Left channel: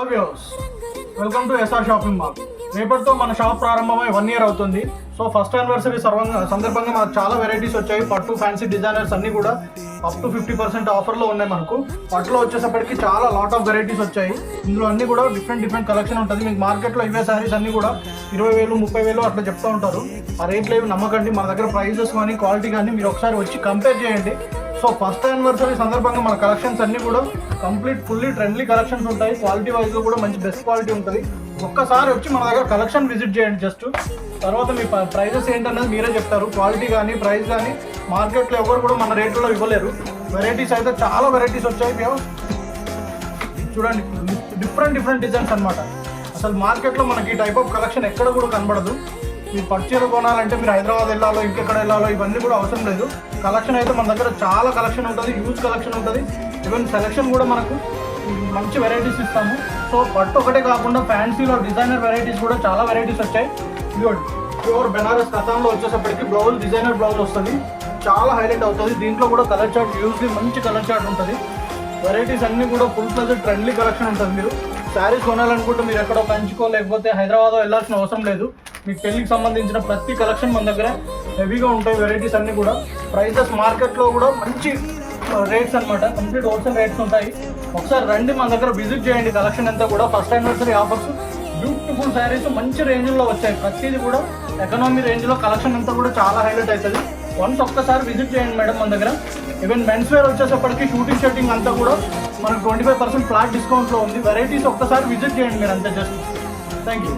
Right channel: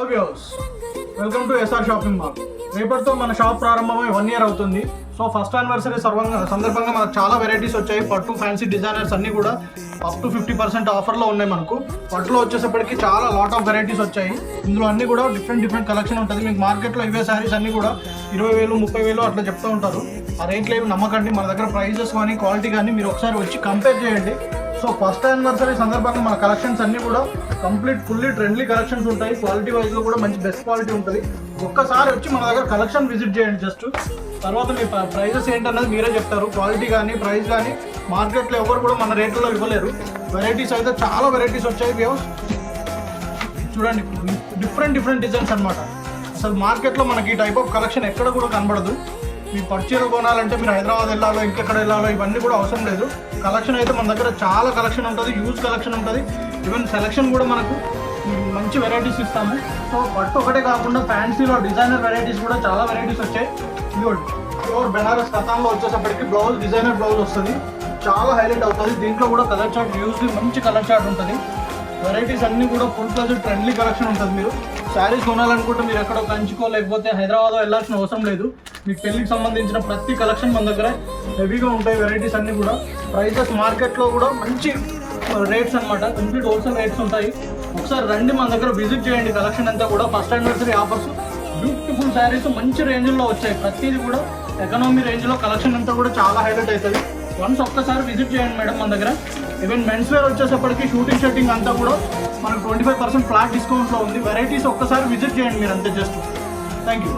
Hello viewers, welcome to S R shopping mall. రేపటితో మన shop ప్రారంభమై 1 year అవుతుంది. సో ఫస్ట్ యానివర్సరీ సందర్భంగా మనకు చాలా వెరైటీస్ వచ్చాయి. పట్టు ఫ్యాన్సీ డిజైనర్స్ అన్నీ కూడా అప్ టు 50% ఆఫర్లో ఉన్నాయి. మనకు పట్టులో వచ్చేసప్పటికి చాలా లాట్ ఆఫ్ వెరైటీస్ వచ్చాయి. ఇందులో అన్నీ కూడా డిఫరెంట్ కలెక్షన్ ఉంటుంది. మీకు మార్కెట్లో ఇవే శారీస్ అన్నీ కూడా 20,000 30,000 అట్లా చెప్తూ ఉంటారు. ఆ రేట్లు ఏమి నమ్మకండి. మన దగ్గర ప్రైజెస్ కానీ క్వాలిటీ కానీ మీరు ఒకసారి వచ్చి కంపేర్ చేయండి. సో ఫస్ట్ యానివర్సరీ సందర్భంగా మన కలెక్షన్స్ అన్నీ కూడా ఫుల్లీ ట్రెండ్లీ కలెక్షన్స్ ఉంటాయి. క్వాలిటీ వైజ్ కూడా మంచి బెస్ట్ క్వాలిటీ ఉంటుంది. ఒక్కసారి వచ్చి మన దగ్గర కలెక్షన్ విజిట్ చేయండి. జస్ట్ తర్వాత మీ ప్రైజెస్ ఏంటన్నది మీరే చెప్తారు. క్వాలిటీ కానీ ప్రైస్ కానీ మార్కెట్లో ఎవరు కూడా మన రేట్లలో ఇవ్వలేరు. వెరైటీస్ అయితే చాలా వెరైటీస్ వచ్చాయి. చూడండి, డిఫరెంట్ డిజైన్స్ అనమాట. అసలు మార్కెట్లో మనకి ఈ టైప్ ఆఫ్ కలెక్షన్ ఎక్కడ కూడా కనబడదు. ఈ పర్చీలు కొనాలంటే మీరు హైదరాబాద్ వెళ్ళాలో ఇంకెక్కడ వెళ్ళాలో ఇవన్నీ కూడా అవసరం లేదు. కలెక్షన్ అయితే మన దగ్గర చాలా కలెక్షన్ ఉంటుంది. యూజ్ కలెక్షన్ ఉంటుంది. ఈవెన్ సెలెక్షన్ కూడా మనకు మంచి వెరైటీస్ ఇస్తాము. సో పట్టు ఒకటే కాకుండా ఫ్యాన్సీలో డిజైనర్ వెరైటీస్ కూడా చాలా వెరైటీస్ వచ్చాయి. ఇదిగోండి, ప్యూర్ బెనారస్ కథాన్లో వచ్చేసప్పటికి బ్లౌజ్ డిజైనర్ బ్లౌజ్ వస్తుంది. చాలా హైలైట్ అవుతుంది. దీంట్లో కూడా కలర్ చార్ట్ మంచి కలర్ చార్ట్ ఉంటుంది. వెరైటీస్ అన్నీ కూడా ఫుల్ ప్లస్ ట్రెండ్లీ కలెక్షన్ ఉంటుంది. మీరు శారీస్ కొనాలనుకుంటే మీరు ఎక్కడో కంచుకో లేకపోతే హైదరాబాద్ వెళ్ళాల్సిన అవసరం లేదు. మీకు పెళ్లికి సంబంధించిన ప్రతి కలెక్షన్ మన దగ్గర హెవీగా ఉంటాయి. వెరైటీస్ అన్నీ కూడా ప్రైజెస్ మార్కెట్లో కూడా మంచి రేట్స్ అనమాట. కంప్లీట్ హోల్సేల్ రేట్స్ ఉంటాయి. ఒకసారి రండి, మన దగ్గర విజిట్ చేయండి. కలెక్షన్ అంతా కూడా first anniversary offers, beautiful saris మంచి రేంజ్లో వచ్చాయి. ప్రతిదీ కూడా ఎకనామీ రేంజ్లో కలెక్షన్ అంతా కూడా చాలా హైలైట్ అవుతుంది. వన్స్ ఒక్కసారి విజిట్ చేయండి మేడం మన దగ్గర. ఈవెన్ మెన్స్ వేర్ వచ్చేసప్పటికి షూటింగ్ అంతా కూడా మనకు 25% ఫ్లాట్ డిస్కౌంట్లో ఉంది. వెరైటీస్ ఒక్కసారి విజిట్ చేయండి మీరు అంతే. Just thank you.